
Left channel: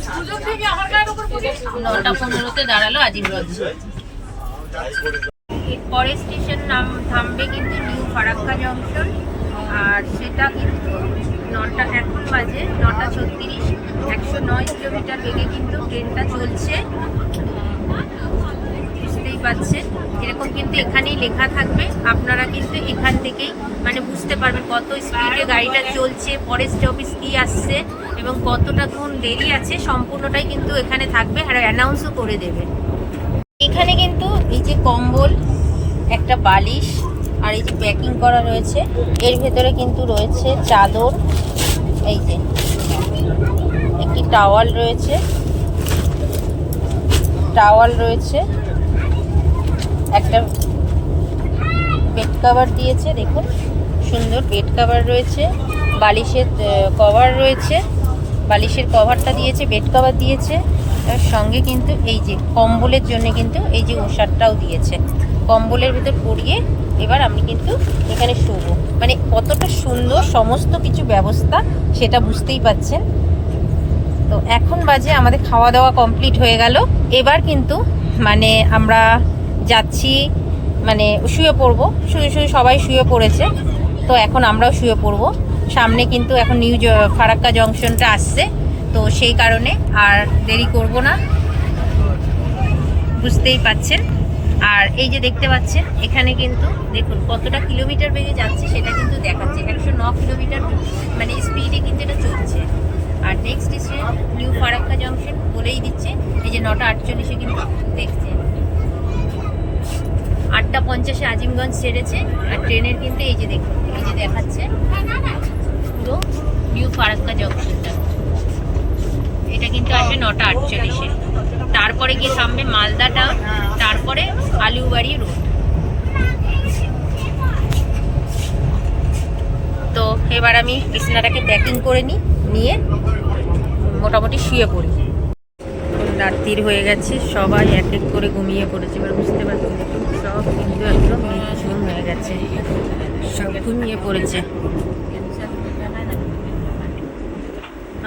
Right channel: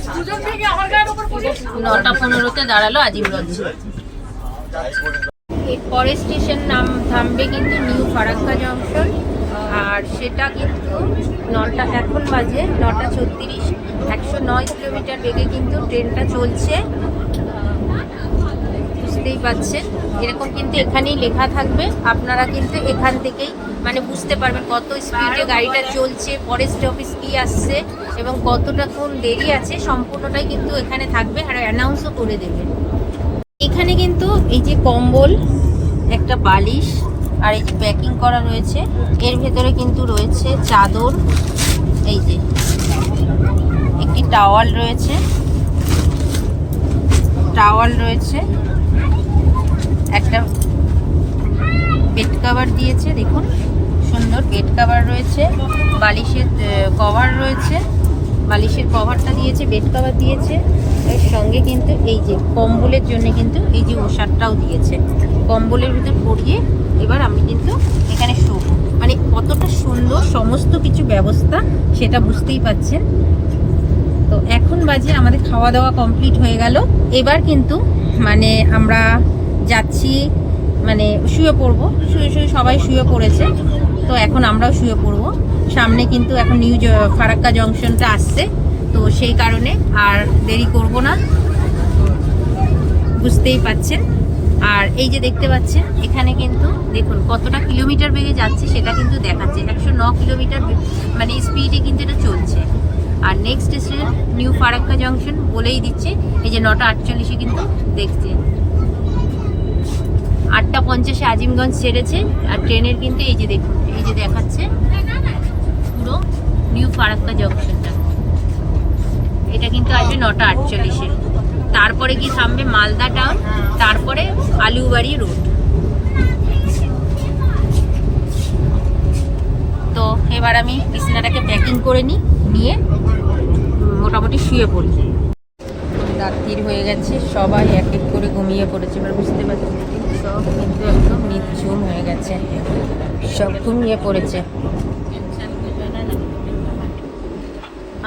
9:15-তে দাঁড়ালো আজিমগঞ্জ। এরপরে স্টেশন থামবে কিন্তু নিউ ফারাক্কা জংশন, আর সেটা কিন্তু এখন বাজে 9:36। 109 কিলোমিটার বেগে কিন্তু ট্রেনটা চলছে, বুঝতেই পারছেন। এরকম কিন্তু এখানেই লেখা থাকবে, আপনারা কিন্তু এখান থেকেই মানে বুঝতে পারবেন কত স্পিডে গাড়িটা চলছে, পরে স্টপেজ কি আসছে এবং কতটা কোন দেরি আছে, সম্পূর্ণটাই কিন্তু এখানে থাকবে আর অ্যানাউন্সও করে দেবে। এখানে কিন্তু এই যে কম্বল, একটা বালিশ আর এই যে প্যাকিং করা রয়েছে, এর ভেতরে কিন্তু রয়েছে চাদর, এই যে একটি টাওয়াল রয়েছে, একটা বেড কভার দিয়েছে, দেখুন সুন্দর বেড কভার রয়েছে, বালিশের কভার রয়েছে, বালিশের কভারটা দিয়েছে, বেড কভার দিয়েছে, এর সঙ্গে কিন্তু এই যে কম্বলের জন্য কিন্তু এই যে ওষারটাও দিয়েছে। কম্বলের ভিতর পরিয়ে এবার আমি কিন্তু এখানে শোবো, মানে কতটা সুন্দর সমস্ত কিছু ব্যবস্থা সেটা বুঝতেই পাচ্ছেন। তো এখন বাজে আমাদের খাওয়া দাওয়া কমপ্লিট হয়ে গেল, এবার কিন্তু মানে আমরা যাচ্ছি মানে শুয়ে পড়বো, শুয়ে সবাই শুয়ে পড়েছে, তো এখন আমরাও শুয়ে পড়বো। সামনে কিন্তু এখন নিউ ফারাক্কা জংশনটা আসছে, তো সেই কারণে আর দেরি করব না, বুঝতেই পাচ্ছেন। আর এই যে দেখতে পাচ্ছেন এখানে কিন্তু দেখুন কতটা কিলোমিটার বেগে যাচ্ছে সেটা কিন্তু দেখাচ্ছে, 109 কিলোমিটার মানে স্পিডে কিন্তু এটা চলছে। আর next station new Farakka junction বলেই দিচ্ছে, এই যে 9:48 কিন্তু দেখছে, 8:50 আজিমগঞ্জ ছেড়েছে। আর ট্রেনের কিন্তু এই যে দেখুন এই যে দেখাচ্ছে পুরো নিউ ফারাক্কা জংশনটা, এটা কিন্তু আসবে 9:48। তারপরে গিয়ে থামবে মালদা টাউন, তারপরে আলুবাড়ি রোড। তো এবার আমি বিছানাটাকে প্যাকিং করে নিয়ে মোটামুটি শুয়ে পড়ি। রাত্রির হয়ে গেছে, সবাই এক এক করে ঘুমিয়ে পড়েছে। এবার বুঝতে পারছি দেখুন সব কিন্তু একদম নিঝুম হয়ে গেছে, সব ঘুমিয়ে পড়েছে।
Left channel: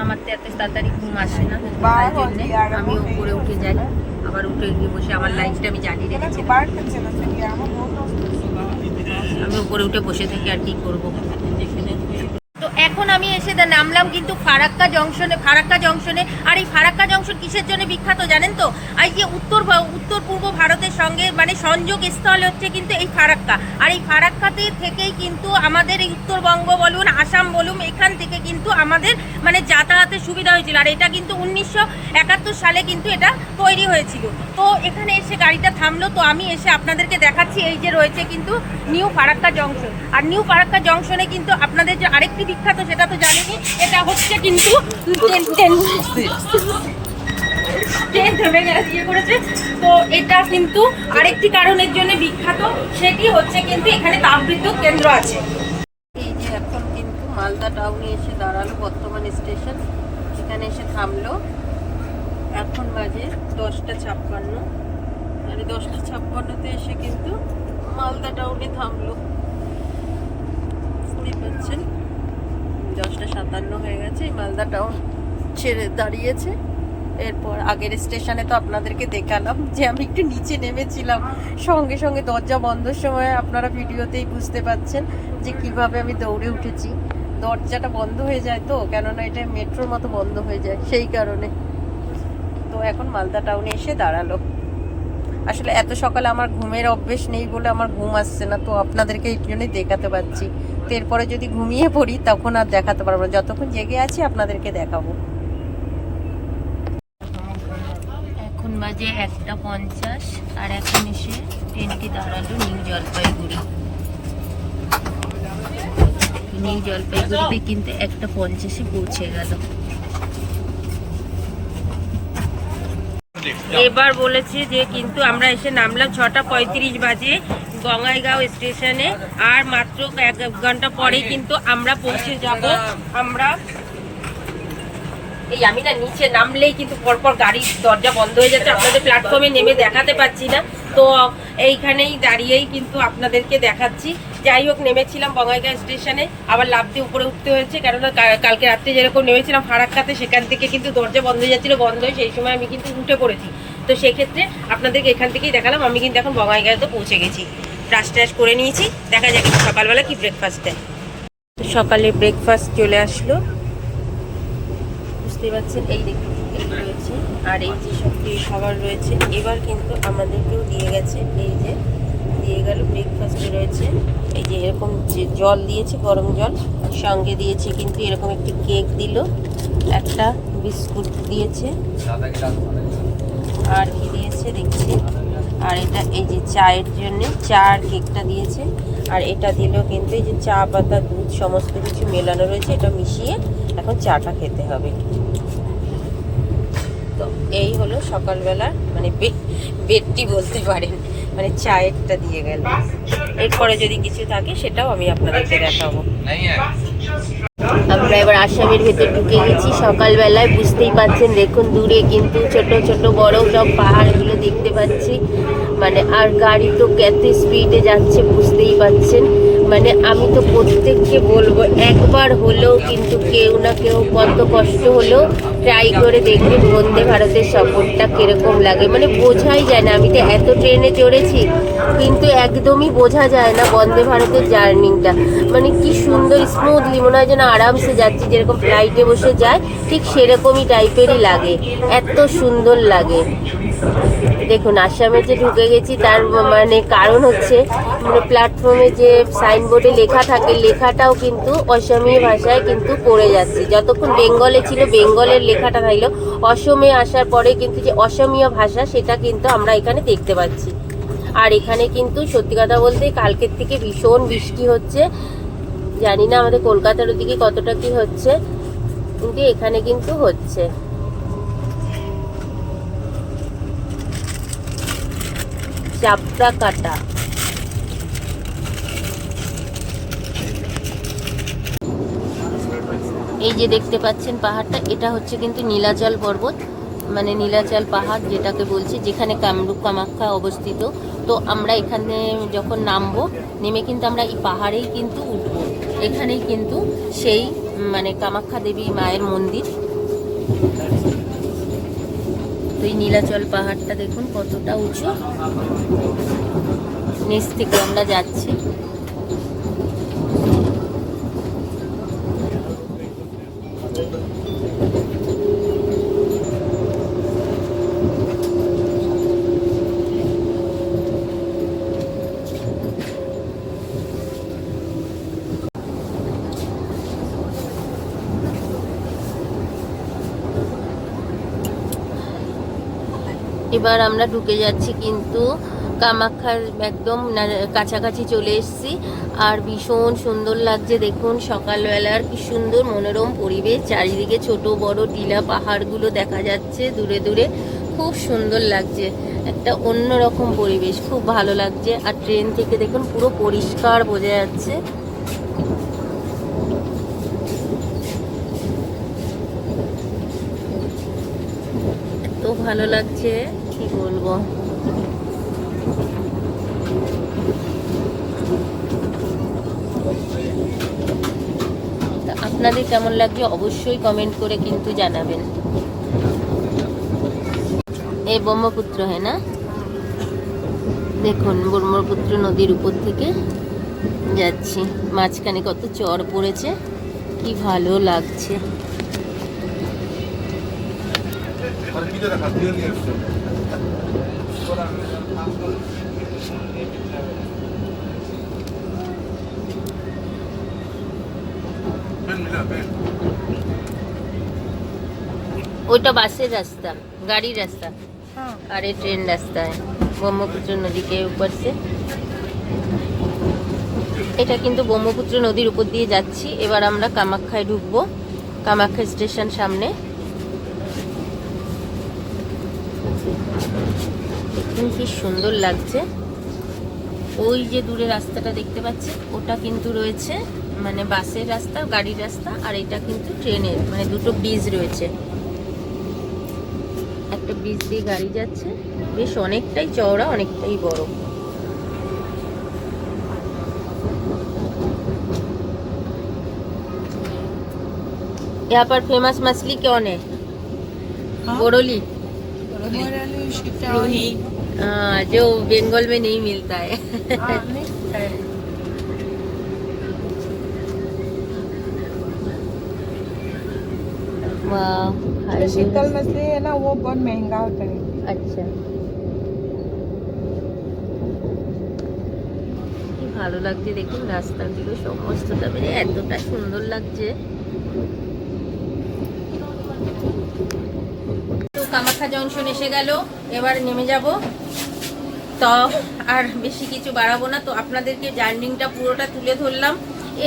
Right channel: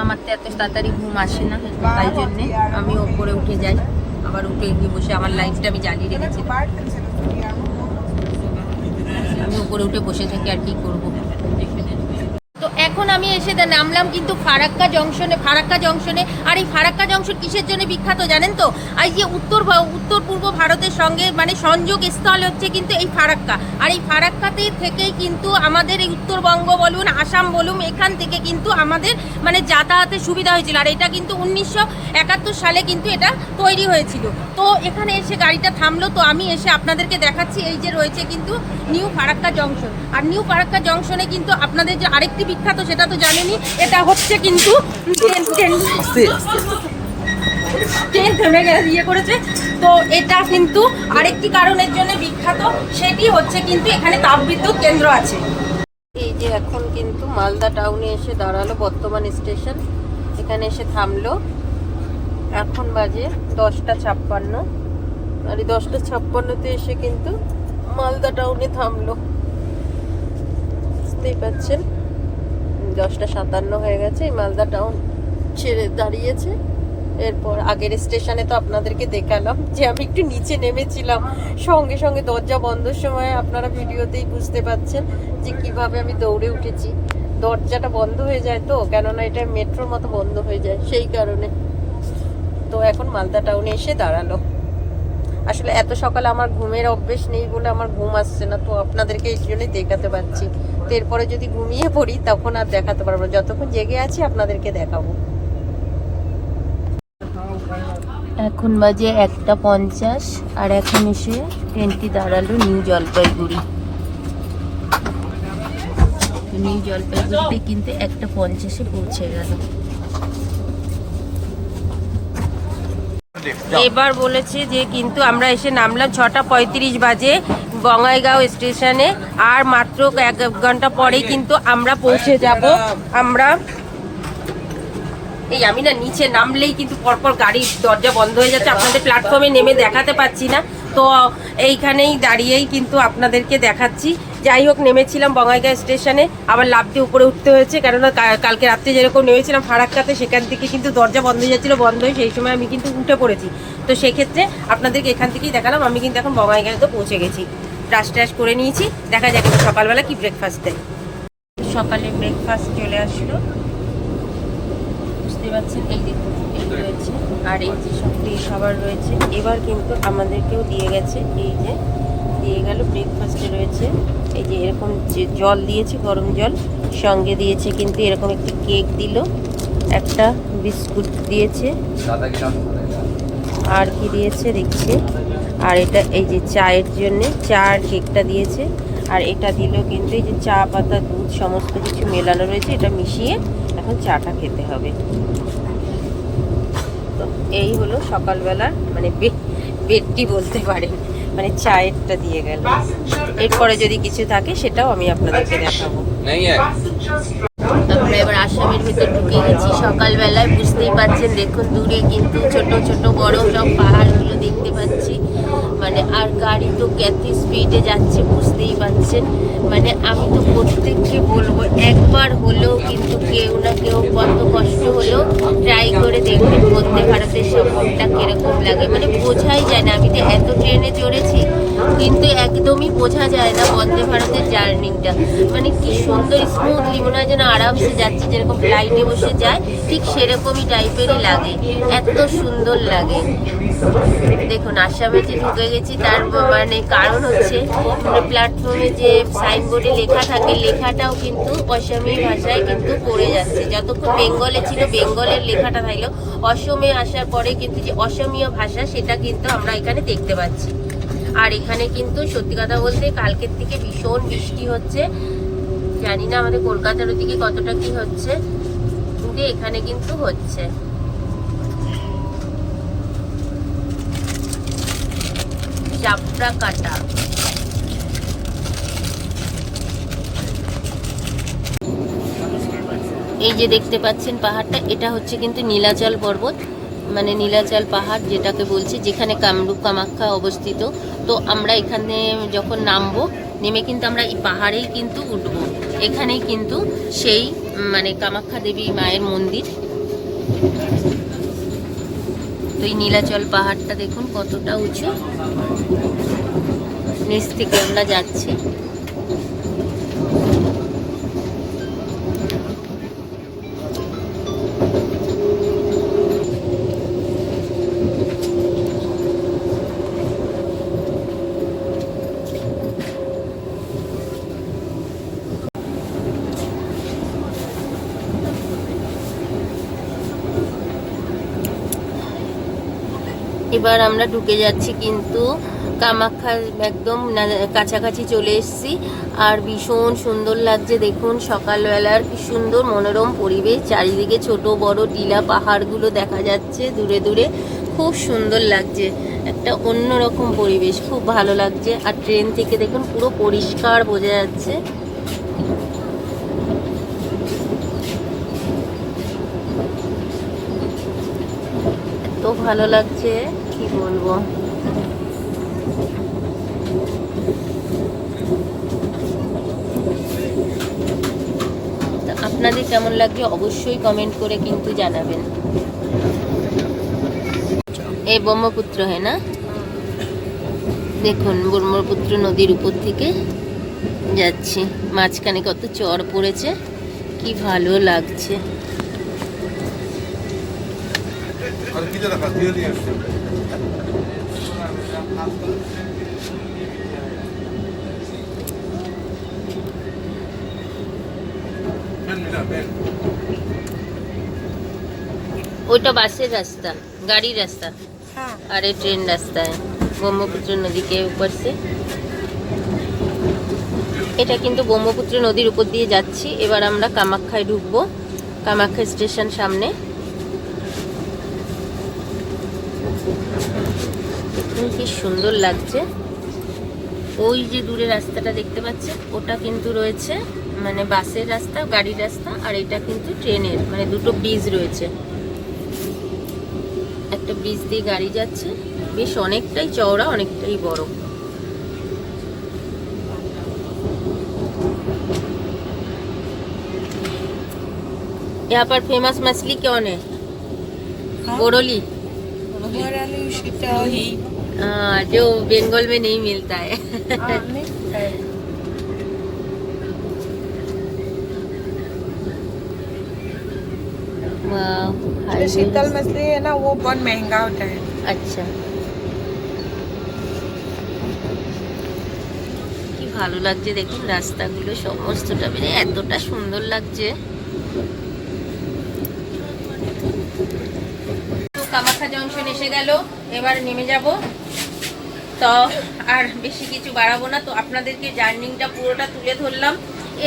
আমার তো এত তাড়াতাড়ি ঘুম আসে না, তাই জন্যে আমি ওপরে উঠে যাই, আবার উঠে গিয়ে বসে আমার লাইটটা আমি জ্বালিয়ে রেখেছিলাম, আমি উপরে উঠে বসে থাকি আর কি করব। তো এখন আমি এসে নামলাম কিন্তু ফারাক্কা জংশনে। আর এই ফারাক্কা জংশন কিসের জন্য বিখ্যাত জানেন তো? আর এই যে উত্তর পূর্ব ভারতের সঙ্গে মানে সংযোগ স্থল হচ্ছে কিন্তু এই ফারাক্কা। আর এই ফারাক্কাতে থেকেই কিন্তু আমাদের এই উত্তরবঙ্গ বলুন, আসাম বলুন, এখান থেকে কিন্তু আমাদের মানে যাতায়াতের সুবিধা হয়েছিল। আর এটা কিন্তু 1971 সালে কিন্তু এটা তৈরি হয়েছিল। তো এখানে এসে গাড়িটা থামলো, তো আমি এসে আপনাদেরকে দেখাচ্ছি এই যে রয়েছে কিন্তু নিউ ফারাক্কা জংশন। আর নিউ ফারাক্কা জংশনে কিন্তু আপনাদের যে আরেকটি বিখ্যাত সেটা তো জানেনই, এটা হচ্ছে কিন্তু ট্রেন থেমে ইয়ে করেছে। তো এটা কিন্তু আরেকটি কারণের জন্য বিখ্যাত, সেটি হচ্ছে কিন্তু এখানে তাপবিদ্যুৎ কেন্দ্র আছে। এই যে এখন কিন্তু মালদা টাউনে এসে দাঁড়ালো বর্তমান স্টেশন, এখানে এসে থামলো। এখন বাজে 10:56, আর এই 10:56-তে এসে কিন্তু মালদা টাউনে থামলো। বুঝতেই পারছেন 10:57 হয়ে গেছে, এই মালদা টাউন ছেড়ে দাঁড়িয়েছে। এরপর আগের স্টেশনে তো আপনাদেরকে দেখালাম যে আমি একটু নিচে নেমেছিলাম, সঙ্গে সঙ্গে দরজা বন্ধর সময় আপনারা ভিডিওতেই বুঝতে পাচ্ছেন যে কিভাবে আমি দৌড়ে উঠেছি। দরজাটা বন্ধ হয়ে যায় তো, কেননা এটা মেট্রোর মতো বন্ধ হয়ে যায়, সেই কারণে। তো এখন মালদা টাউনে এসে দাঁড়ালো। আসলে এত সকালে আমার ঘুমের অভ্যেস নেই বলে আমার ঘুম আসছে না, তো আপনাদেরকে এই জন্যই দেখাতে পারছি। তো এরপরে যদি ঘুমিয়ে পড়ি তখন আর দেখাতে পারবো না, যতক্ষণ জেগে আছি আপনাদেরকে দেখাবো। এখন বাজে 1:50, আর এখন এসে ট্রেনটি দাঁড়ালো নিউ জলপাইগুড়ি। নিউ জলপাইগুড়িতে কিন্তু 1:50-এ পৌঁছে গেল। এবার বলেছে যে কিন্তু আমরা এসে নামলাম 6:35 বাজে বঙ্গাইগাঁও স্টেশনে, আর মাত্র 1 ঘন্টা পরেই কিন্তু আমরা পৌঁছে যাব। আমরা এই আমি না নিচে নামলেই কিন্তু পরপর গাড়ির দরজা বন্ধ হয়ে যাচ্ছে, আপনাদের প্ল্যাটফর্মে নেমে দেখাতে পাচ্ছি না, তো এইখানেই দাঁড়িয়েই কিন্তু আপনাদেরকে দেখাচ্ছি। যাই হোক, নেমেছিলাম বঙ্গাইগাঁও স্টেশনে, আবার লাফ দিয়ে উপরে উঠতে হয়েছে, কেননা কালকে রাত্রে যেরকম নেমেছিলাম ফারাক্কাতে, সেখান থেকে কিন্তু দরজা বন্ধ হয়ে যাচ্ছিলো, বন্ধ হয়ে সেই সময় আমি কিন্তু উঠে পড়েছি। তো সেক্ষেত্রে আপনাদেরকে এখান থেকেই দেখালাম। আমি কিন্তু এখন বঙ্গাইগাঁওতে পৌঁছে গেছি, ব্রাশ ট্রাশ করে নিয়েছি। দেখা যাক সকালবেলা কি ব্রেকফাস্ট দেয়। সকালে ব্রেকফাস্ট চলে আসলো, বুঝতে পারছেন, এই দেখুন এই রয়েছে, আর এই যে সব খাবার রয়েছে। এবার কিন্তু আমাদেরকেও দিয়ে গেছে, এই যে দিয়ে গেল ব্রেকফাস্টে রয়েছে এই যে এরকম জল দিয়েছে, গরম জল, সঙ্গে দিয়েছে কিন্তু এরকম একটি কেক দিল, একটা বিস্কুট দিয়েছে, আর কি দিয়েছে দেখছি, আর এটা এই যে চায়ের জন্য চা আর কেকটা দিয়েছে, আর এটা দিল কিন্তু এই যে চা পাতা দুধ সমস্ত কিছু মেলানো রয়েছে, এটা মিশিয়ে এখন চাটা খেতে হবে। তো এই হলো সকালবেলার মানে বেডটি বলতে পারেন, মানে চায়েরটা দিয়ে গেল। এরপরে যদি কিছু থাকে সেটাও আমি আপনাদেরকে দেখাবো। আমরা এবার আসামের ভেতর ঢুকে গেছি সকালবেলায়, বুঝতেই পাচ্ছেন, দেখুন দূরে কিন্তু ছোট ছোট বড় সব পাহাড়গুলো দেখতে পাচ্ছি, মানে আর গাড়ি তো কত স্পিডে যাচ্ছে বুঝতেই পাচ্ছেন। মানে আমি তো প্রত্যেককে বলবো একবার হলেও কিন্তু কেউ না কেউ কত কষ্ট হলেও ট্রাই করে দেখবেন বন্দে ভারতের সফরটা কিরকম লাগে, মানে বোঝাই যায় না। আমি তো এত ট্রেনে চড়েছি কিন্তু একদমই বোঝা যায় না বন্দে ভারতের জার্নিটা, মানে কি সুন্দর স্মুথলি মনে হয় যেন আরামসে যাচ্ছি, যেরকম ফ্লাইটে বসে যায় ঠিক সেরকমই টাইপেরই লাগে, এত সুন্দর লাগে। দেখুন আসামে যে ঢুকে গেছি তার মানে কারণ হচ্ছে প্ল্যাটফর্মে যে সাইনবোর্ডে লেখা থাকে লেখাটাও কিন্তু অসমীয়া ভাষায় কিন্তু পড়ে যাচ্ছে। যতক্ষণ বেঙ্গলে ছিল বেঙ্গলের লেখাটা থাকলো, অসমে আসার পরে কিন্তু যে অসমীয়া ভাষা সেটা কিন্তু আমরা এখানে দেখতে পাচ্ছি। আর এখানে কিন্তু সত্যি কথা বলতে কালকের থেকে ভীষণ বৃষ্টি হচ্ছে, জানি না আমাদের কলকাতার ওদিকে কতটা কি হচ্ছে, কিন্তু এখানে কিন্তু হচ্ছে। চাপড়া কাটা, এই যে দেখতে পাচ্ছেন পাহাড়টা, এটা হচ্ছে কিন্তু নীলাচল পর্বত, মানে নীলাচল পাহাড় যেটাকে বলছি, যেখানে কামরূপ কামাখ্যা অবস্থিত। তো আমরা এখানে যখন নামবো, নেমে কিন্তু আমরা এই পাহাড়েই কিন্তু উঠবো, এখানেই কিন্তু সেই মানে কামাখ্যা দেবী মায়ের মন্দির। তো এই নীলাচল পাহাড়টা দেখুন কতটা উঁচু, নিচ থেকে আমরা যাচ্ছি। এবার আমরা ঢুকে যাচ্ছি কিন্তু কামাখ্যার একদম কাছাকাছি চলে এসেছি, আর ভীষণ সুন্দর লাগছে। দেখুন সকালবেলার কি সুন্দর মনোরম পরিবেশ, চারিদিকে ছোট বড় টিলা পাহাড়গুলো দেখা যাচ্ছে দূরে দূরে, খুব সুন্দর লাগছে, একটা অন্যরকম পরিবেশ, খুব ভালো লাগছে। আর ট্রেন থেকে দেখুন পুরো পরিষ্কার বোঝা যাচ্ছে। ভালো লাগছে, কি বলবো। তা আপনাদের কেমন লাগছে অবশ্যই কমেন্ট করে কিন্তু জানাবেন। এই ব্রহ্মপুত্র হ্যাঁ না, দেখুন ব্রহ্মপুত্র নদীর উপর থেকে যাচ্ছি, মাঝখানে কত চর পড়েছে, কি ভালো লাগছে। আর কি দেখা দিয়ে নিয়ে আসছে ওইটা বাসের রাস্তা, গাড়ির রাস্ता, और ये ट्रेन रास्ता है ব্রহ্মপুত্র নদী के ऊपर से। এটা কিন্তু ব্রহ্মপুত্র নদীর উপর দিয়ে যাচ্ছি। এবার আমরা কামাখ্যায় ঢুকবো, কামাখ্যা স্টেশন সামনে। দেখুন কি সুন্দর লাগছে। ওই যে দূরে রাস্তাটা দেখতে পাচ্ছেন, ওটা কিন্তু রয়েছে মানে বাসের রাস্তা, গাড়ির রাস্তা, আর এটা কিন্তু ট্রেনের, মানে দুটো ব্রিজ রয়েছে। একটা ব্রিজ দিয়ে গাড়ি যাচ্ছে, বেশ অনেকটাই চওড়া, অনেকটাই বড়। यहाँ पर फेमस मछली कौन है? बोरोली, हाँ, जो बंगाल में नहीं मिलता है। वाह, शीतल मछली है ना, वो बहुत महंगा होता है। আচ্ছা, কি ভালো লাগছে দেখুন রাস্তাগুলো সমস্তটা, মানে এতটা সুন্দর লাগছে। তো কামাখ্যা জংশন এসে গেল, এবার নেমে যাব। তো আর বেশি কিছু বাড়াবো না, তো আপনাদেরকে জার্নিংটা পুরোটা তুলে ধরলাম।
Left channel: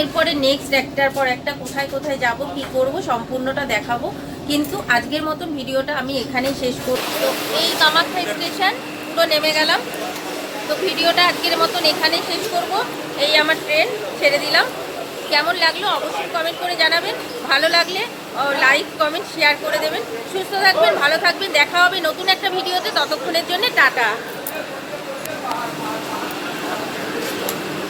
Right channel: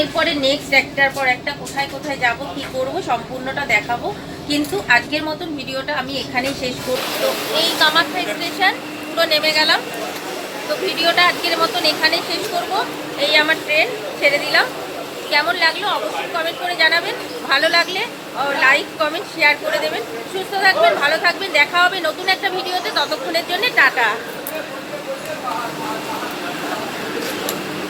এরপরে নেক্সট একটার পর একটা কোথায় কোথায় যাব, কি করব, সম্পূর্ণটা দেখাবো। কিন্তু আজকের মতন ভিডিওটা আমি এখানেই শেষ করছি। তো এই কামাখ্যা স্টেশন তো নেমে গেলাম। তো ভিডিওটা আজকের মতন এখানেই শেষ করব। এই আমার ট্রেন ছেড়ে দিলাম। কেমন লাগলো অবশ্যই কমেন্ট করে জানাবেন। ভালো লাগলে লাইক কমেন্ট শেয়ার করে দেবেন। সুস্থ থাকবেন, ভালো থাকবেন, দেখা হবে নতুন একটা ভিডিওতে। ততক্ষণের জন্য টাটা।